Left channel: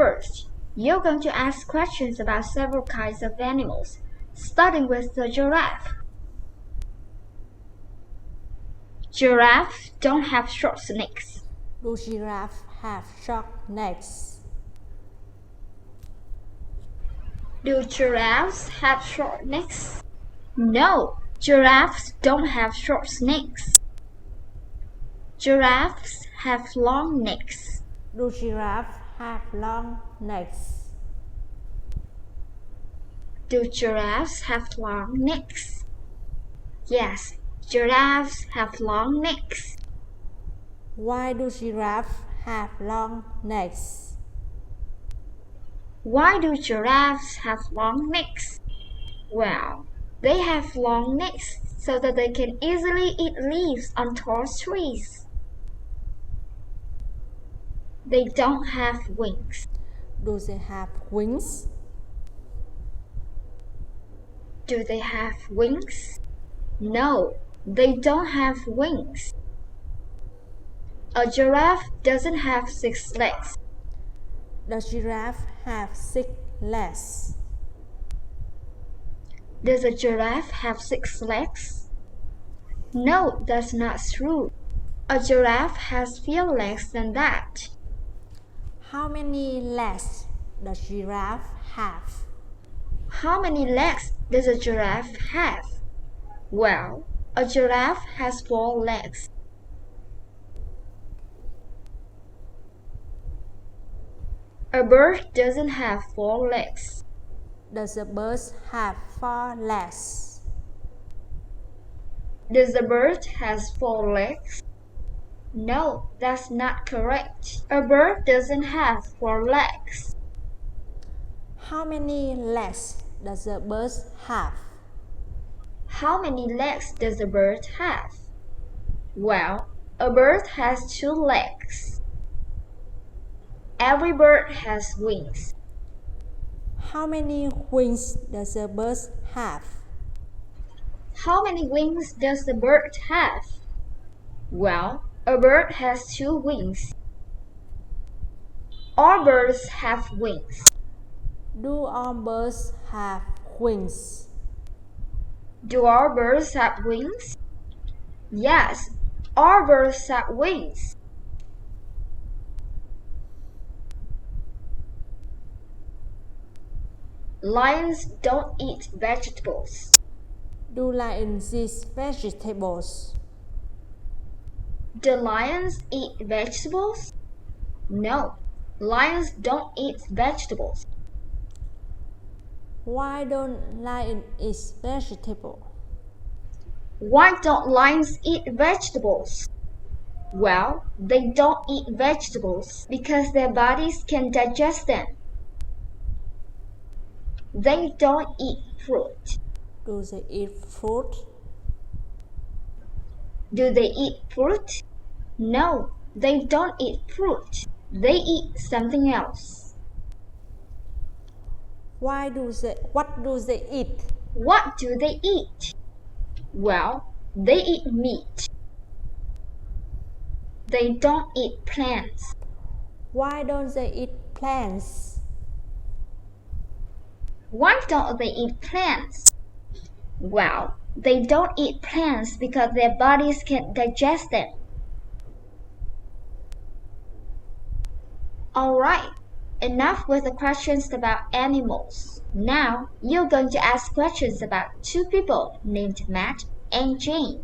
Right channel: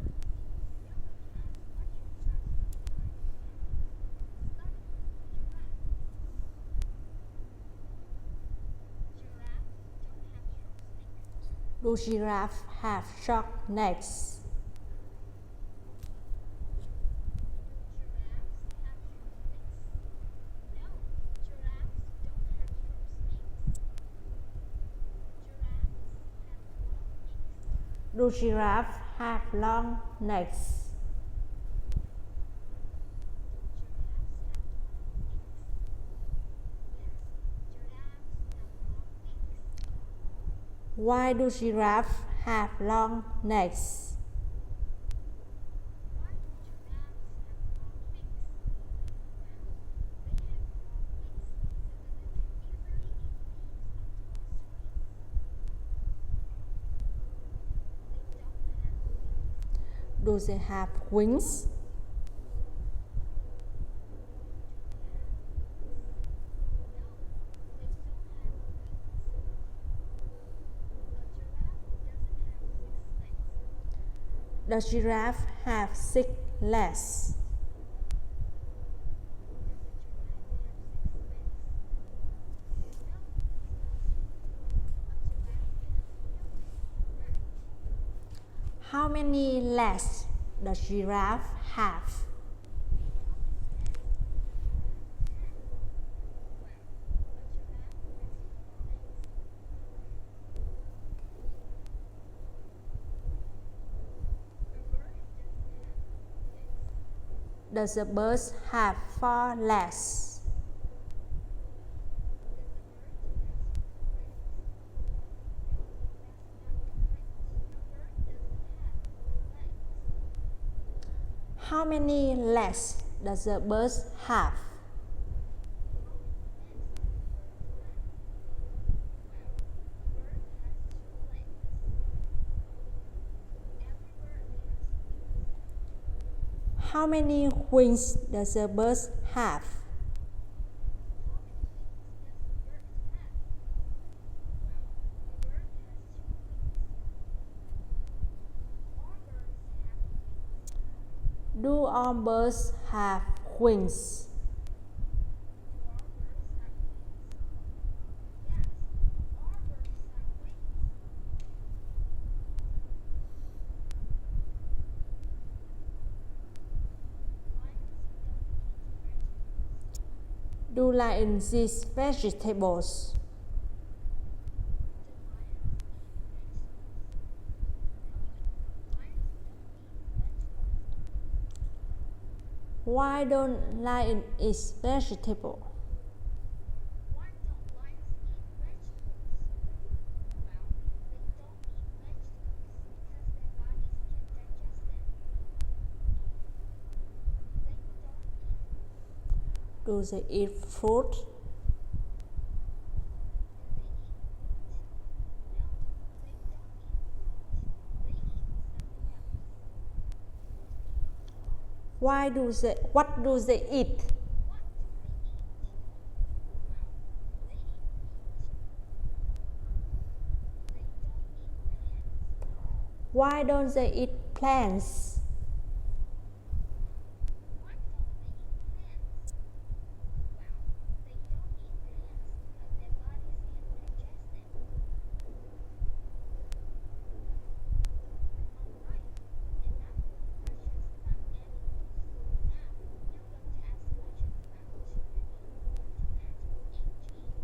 First, you're going to ask questions about several kinds of animals, starting with the giraffe. Giraffes don't have short necks. Do giraffes have short necks? Do giraffes have short necks? No, giraffes don't have short necks. Giraffes have long necks. Do giraffes have long necks? Do giraffes have long necks? Yes, giraffes have long necks. Why do giraffes have long necks? Why do giraffes have long necks? Well, they have long necks so that they can easily eat leaves on tall trees. They don't have wings. Do they have wings? Do they have wings? No, they don't have wings. A giraffe doesn't have 6 legs. Does giraffe have 6 legs? Does a giraffe have 6 legs? No, that's not true. A giraffe has fewer legs than that. How many legs does giraffe have? How many legs does a giraffe have? Well, a giraffe has 4 legs. A bird doesn't have 4 legs. Does a bird have 4 legs? Does the bird has 4 legs? No, that's not correct. A bird doesn't have 4 legs. How many legs does a bird have? How many legs does a bird have? Well, a bird has 2 legs. Every bird has wings. How many wings does a bird have? How many wings does the bird have? Well, a bird has 2 wings. All birds have wings. Do all birds have wings? Do all birds have wings? Yes, all birds have wings. Lions don't eat vegetables. Do lions eat vegetables? Do lions eat vegetables? No, lions don't eat vegetables. Why don't lions eat vegetables? Why don't lions eat vegetables? Well, they don't eat vegetables because their bodies can digest them. They don't eat fruit. Do they eat fruit? Do they eat fruit? No, they don't eat fruit. They eat something else. What do they eat? What do they eat? Well, they eat meat. They don't eat plants. Why don't they eat plants? Why don't they eat plants? Well, they don't eat plants because their bodies can't digest them. Alright, enough with the questions about animals. Now, you're going to ask questions about 2 people named Matt and Jane.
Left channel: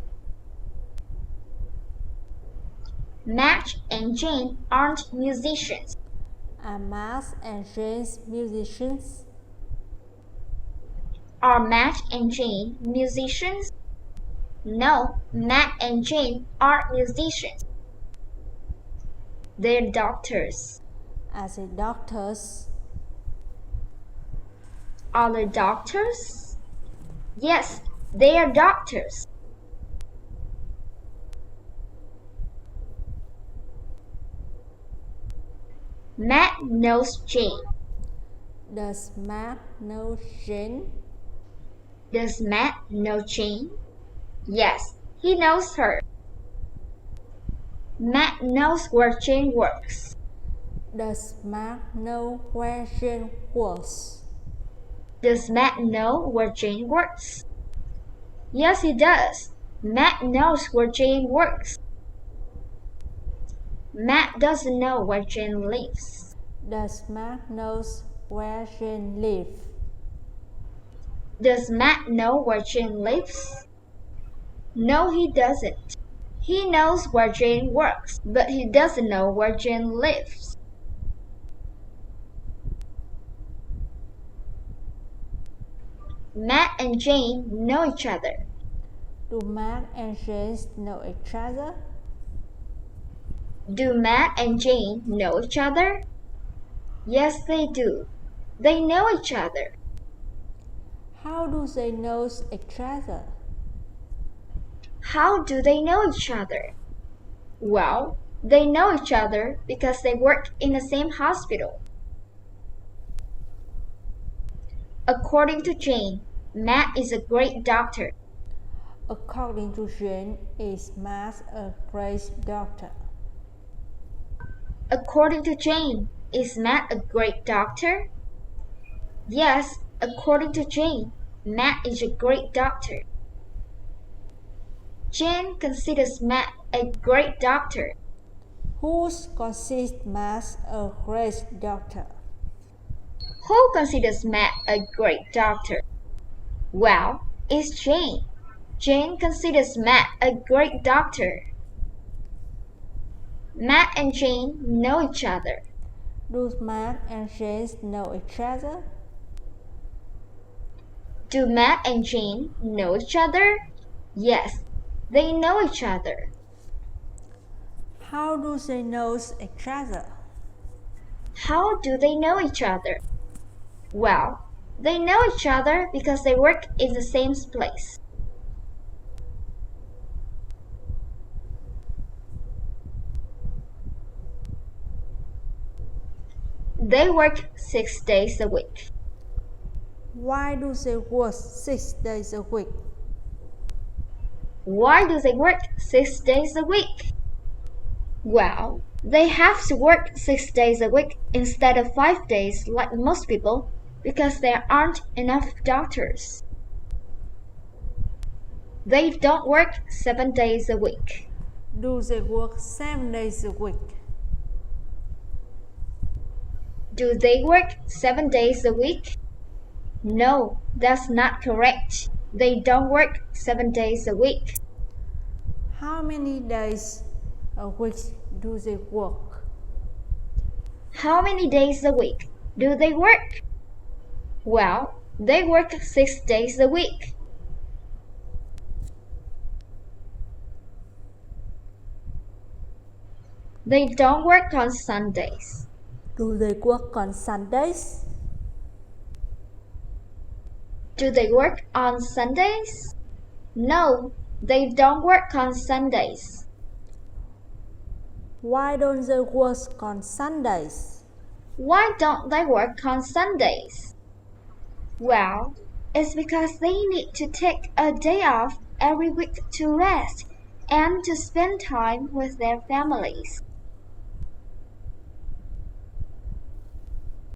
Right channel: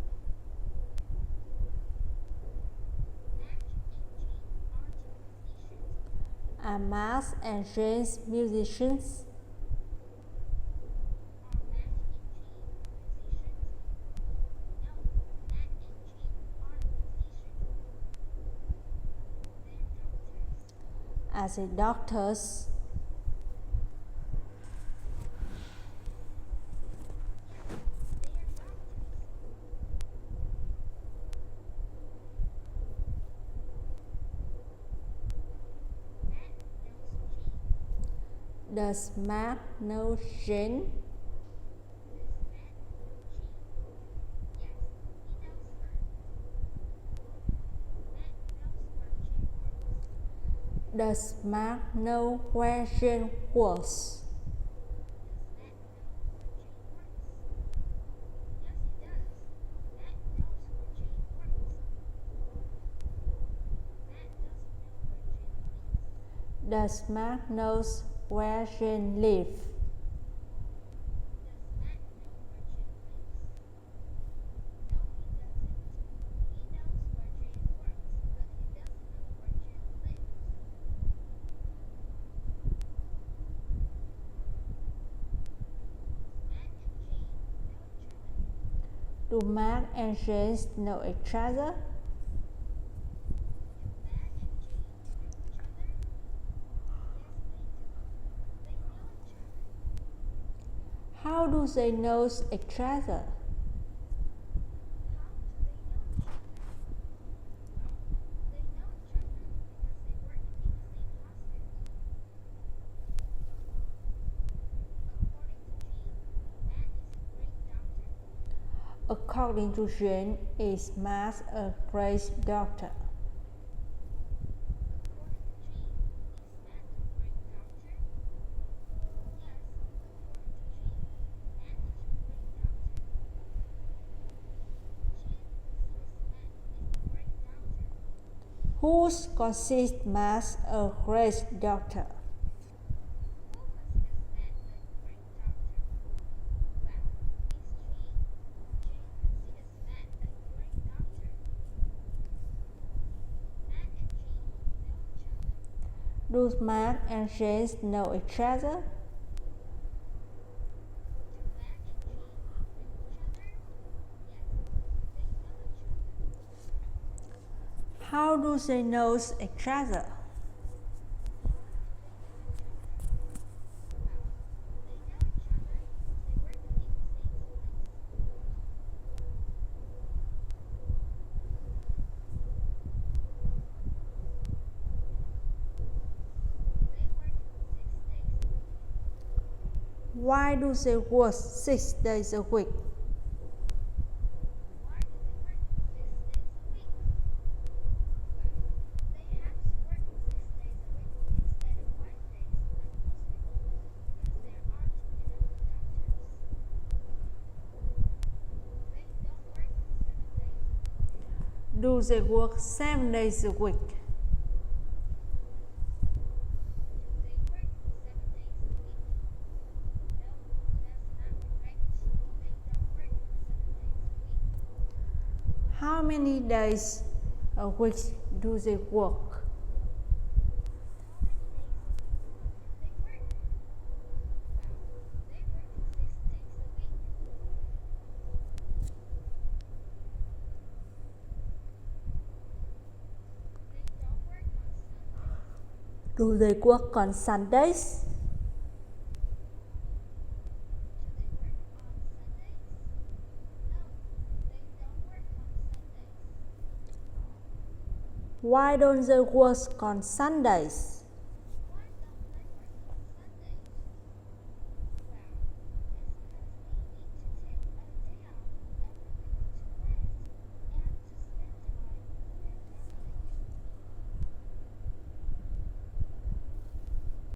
Matt and Jane aren't musicians. Are Matt and Jane musicians? Are Matt and Jane musicians? No, Matt and Jane aren't musicians. They're doctors. Are they doctors? Are they doctors? Yes, they are doctors. Matt knows Jane. Does Matt know Jane? Does Matt know Jane? Yes, he knows her. Matt knows where Jane works. Does Mark know where Jane works? Does Matt know where Jane works? Yes, he does. Matt knows where Jane works. Matt doesn't know where Jane lives. Does Mark knows where Jane lives? Does Matt know where Jane lives? No, he doesn't. He knows where Jane works, but he doesn't know where Jane lives. Matt and Jane know each other. Do Mark and Jane know each other? Do Matt and Jane know each other? Yes, they do. They know each other. How do they know each other? How do they know each other? Well, they know each other because they work in the same hospital. According to Jane, Matt is a great doctor. According to Jane, is Mark a great doctor? According to Jane, is Matt a great doctor? Yes, according to Jane, Matt is a great doctor. Jane considers Matt a great doctor. Who considers Mark a great doctor? Who considers Matt a great doctor? Well, it's Jane. Jane considers Matt a great doctor. Matt and Jane know each other. Do Mark and Jane know each other? Do Matt and Jane know each other? Yes, they know each other. How do they know each other? How do they know each other? Well, they know each other because they work in the same place. They work 6 days a week. Why do they work 6 days a week? Why do they work 6 days a week? Well, they have to work 6 days a week instead of 5 days like most people because there aren't enough doctors. They don't work 7 days a week. Do they work 7 days a week? Do they work 7 days a week? No, that's not correct. They don't work 7 days a week. How many days a week do they work? How many days a week do they work? Well, they work 6 days a week. They don't work on Sundays. Do they work on Sundays? Do they work on Sundays? No, they don't work on Sundays. Why don't they work on Sundays? Why don't they work on Sundays? Well, it's because they need to take a day off every week to rest and to spend time with their families.